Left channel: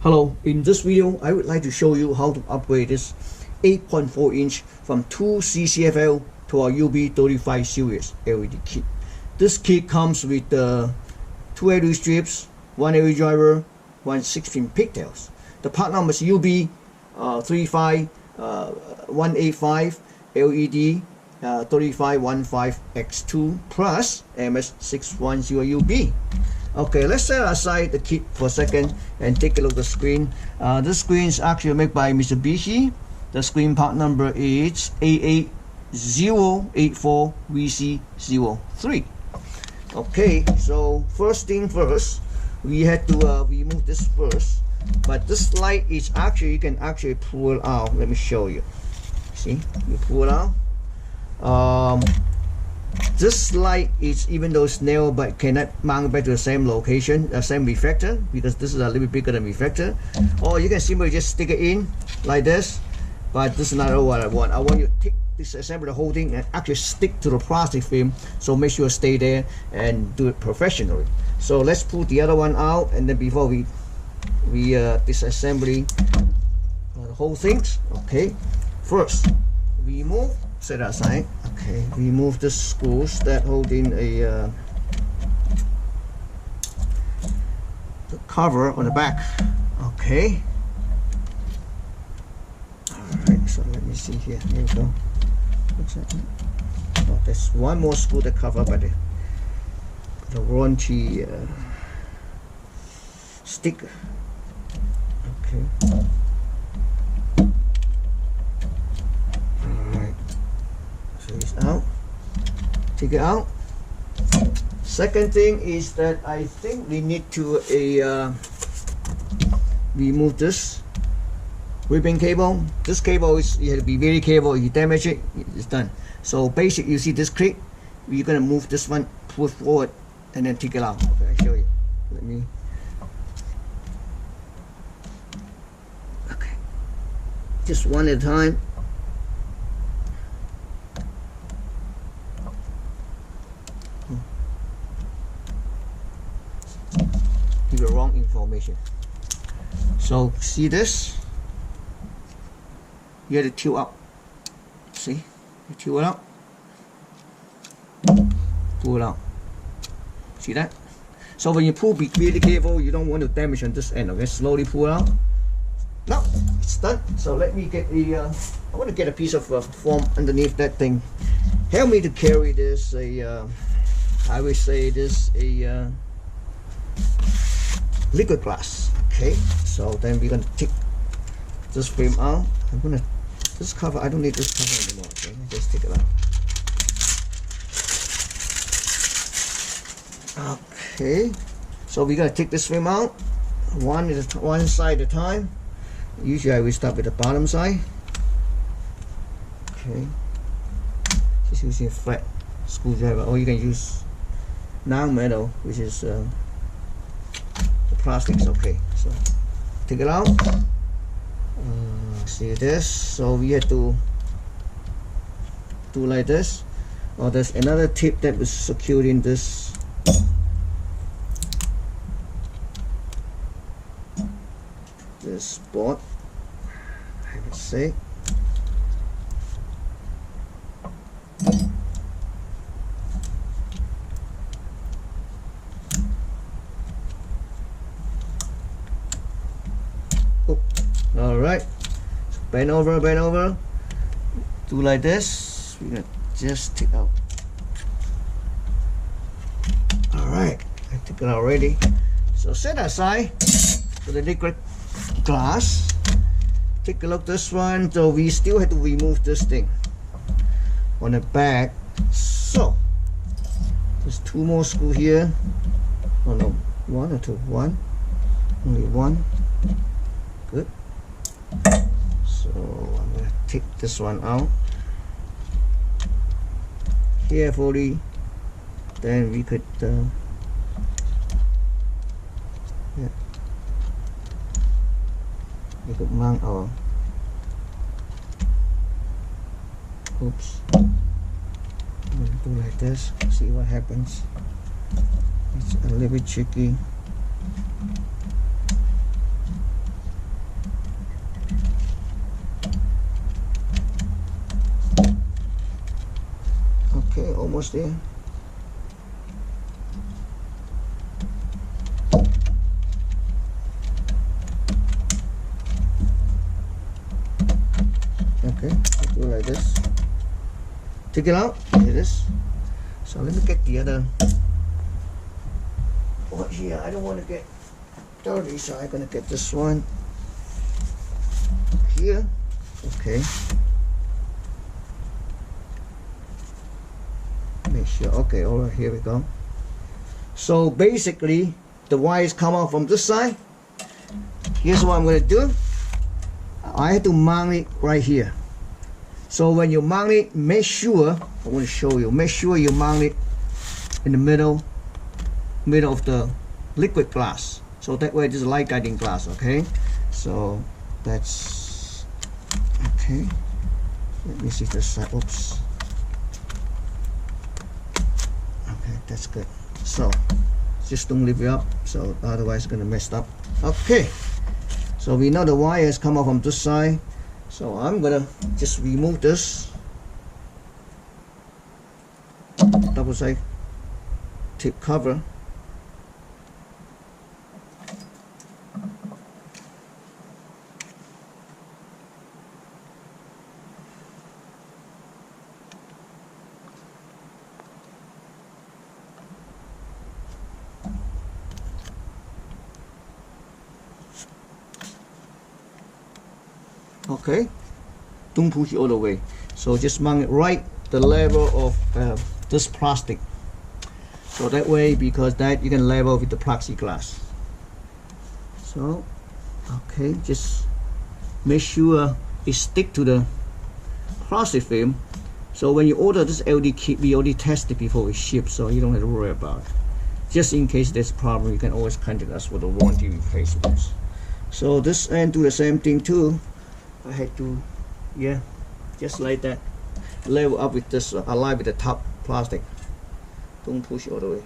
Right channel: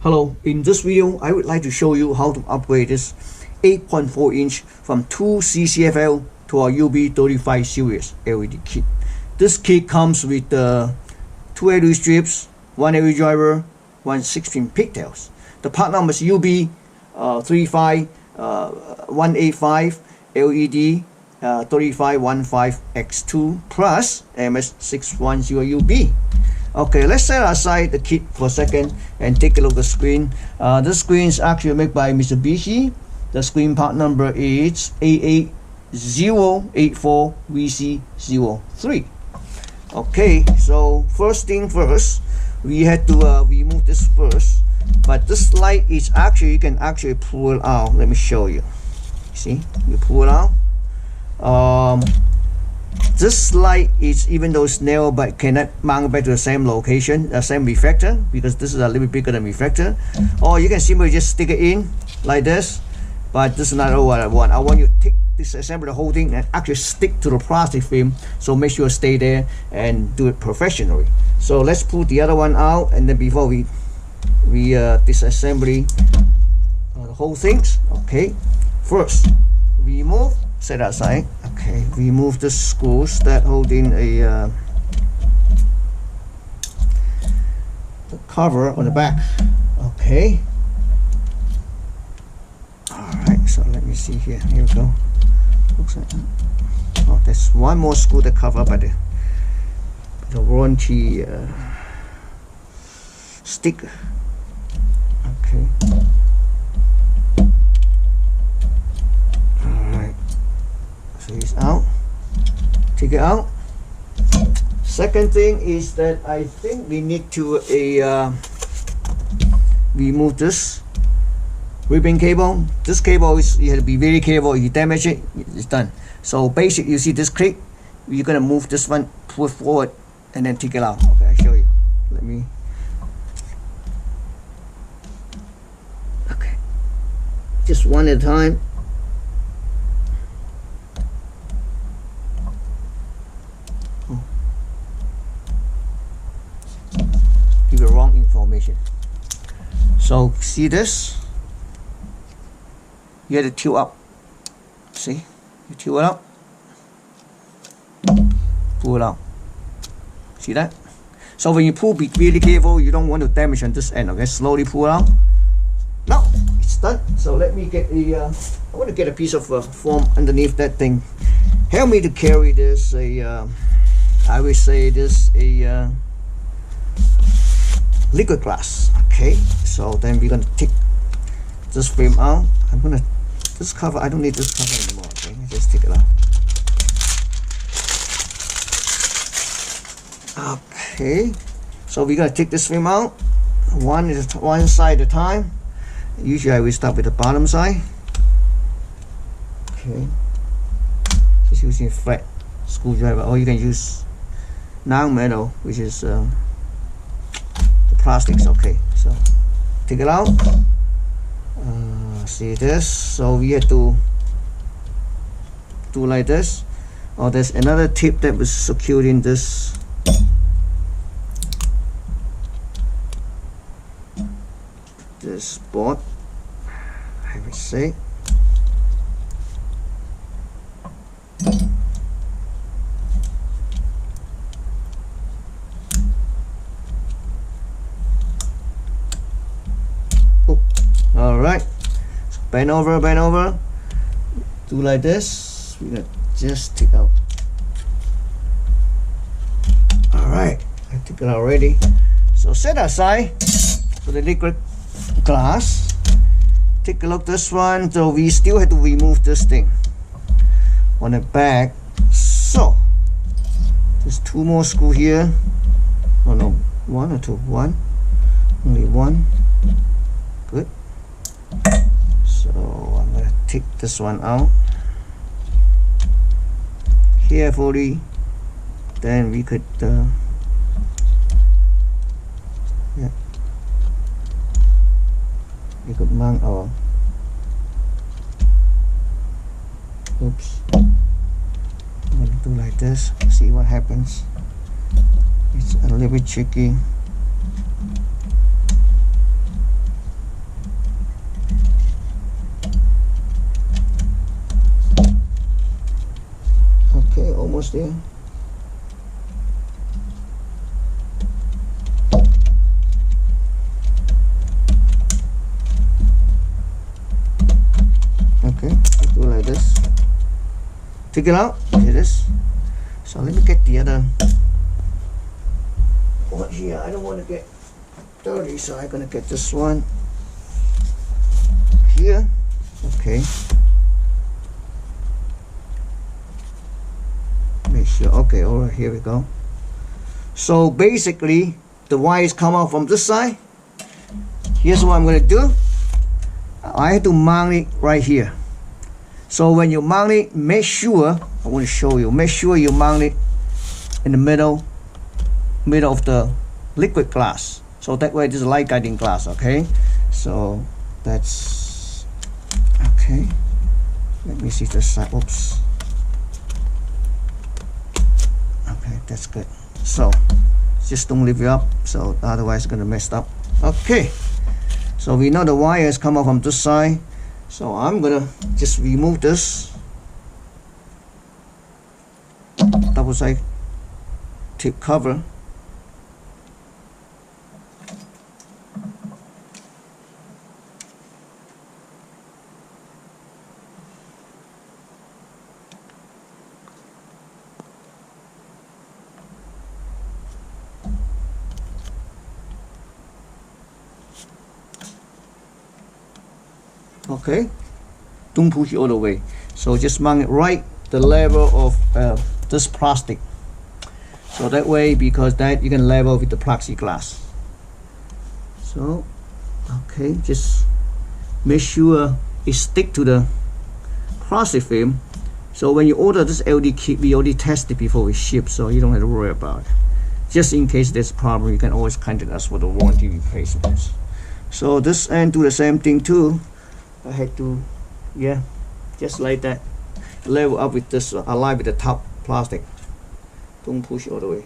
Hello, in this video I would like to show you how to upgrade this 8.4 inch from 2 CCFL to our UB35 series LED kit. This kit comes with 2 LED strips, 1 LED driver, 1 16 pigtails. The part number is UB35185 LED 3515X2 plus MS610UB. Okay, let's set aside the kit for a second and take a look at the screen. This screen is actually made by Mitsubishi. The screen part number is AA084VC03. Okay, so first thing first, we had to remove this first. But this light is actually, you can actually pull it out. Let me show you. See, you pull it out. This light is, even though it's narrow, but cannot mount back to the same location, the same reflector, because this is a little bit bigger than reflector. Or you can simply just stick it in like this. But this is not what I want. I want you to take this, assemble the whole thing and actually stick to the plastic film. So make sure stay there and do it professionally. So let's pull the other one out, and then before we disassembly the whole things. Okay, first remove, set aside. Okay, remove the screws that holding the cover on the back. Okay, all right, so let me see here. Here we go. Looks like, oh, there's one more screw that cover by the warranty sticker. Okay. Alright. So it's out. Take it out. Second thing is that I think we need to remove this ribbon cable. This cable is, you have to be very careful. If you damage it, it's done. So basically, you see this clip, you're gonna move this one, pull it forward, and then take it out. Okay, I'll show you. Let me. Okay, just one at a time. Oh. Give you wrong information. So see this? You have to tilt up. See? You tilt it up. Pull it out. See that? So when you pull, be really careful. You don't want to damage on this end. Okay, slowly pull it out. Now it's done. So let me get a. I want to get a piece of foam underneath that thing. Help me to carry this. I would say this liquid glass. Okay. So then we're gonna take this frame out. I'm gonna this cover. I don't need this cover anymore. Okay, just take it out. Okay. So we're gonna take this frame out. One side at a time. Usually I will start with the bottom side. Okay. Just using a flat screwdriver, or you can use non-metal, which is the plastics. Okay. So take it out. See this? So we have to do like this. Oh, there's another tip that was secured in this. This board, I would say. Oh, all right. So bend over, do like this. We're gonna just take out. All right, I took it out already. So set aside for the liquid glass. Take a look at this one. So we still have to remove this thing on the back. So there's 2 more screws here. Oh no, 1 or 2? 1. Only 1. Good. So I'm gonna take this one out carefully. Then we could yeah, we could mount our, oops, I'm gonna do like this, see what happens. It's a little bit tricky. Okay, almost there. Okay, do it like this. Take it out. Here it is. So let me get the other one here. I don't want to get dirty, so I'm gonna get this one here. Okay. Make sure. Okay, all right, here we go. So basically, the wires come out from this side. Here's what I'm gonna do. I have to mount it right here. So when you mount it, make sure, I want to show you, make sure you mount it in the middle of the liquid glass. So that way this is light guiding glass, okay? So that's, okay. Let me see this side, oops. Okay, that's good. So just don't leave it up, so otherwise it's gonna mess up. Okay. So we know the wires come out from this side. So I'm gonna just remove this double side tape cover. Okay, don't push it all the way. So just mount it right the level of this plastic. So that way, because that you can level with the plexiglass. So, okay, just make sure it stick to the plastic film. So when you order this LED kit, we already tested before we ship, so you don't have to worry about it. Just in case there's a problem, you can always contact us for the warranty replacements. So this end do the same thing too. I had to, yeah, just like that, level up with this, align with the top plastic. Don't push all the way.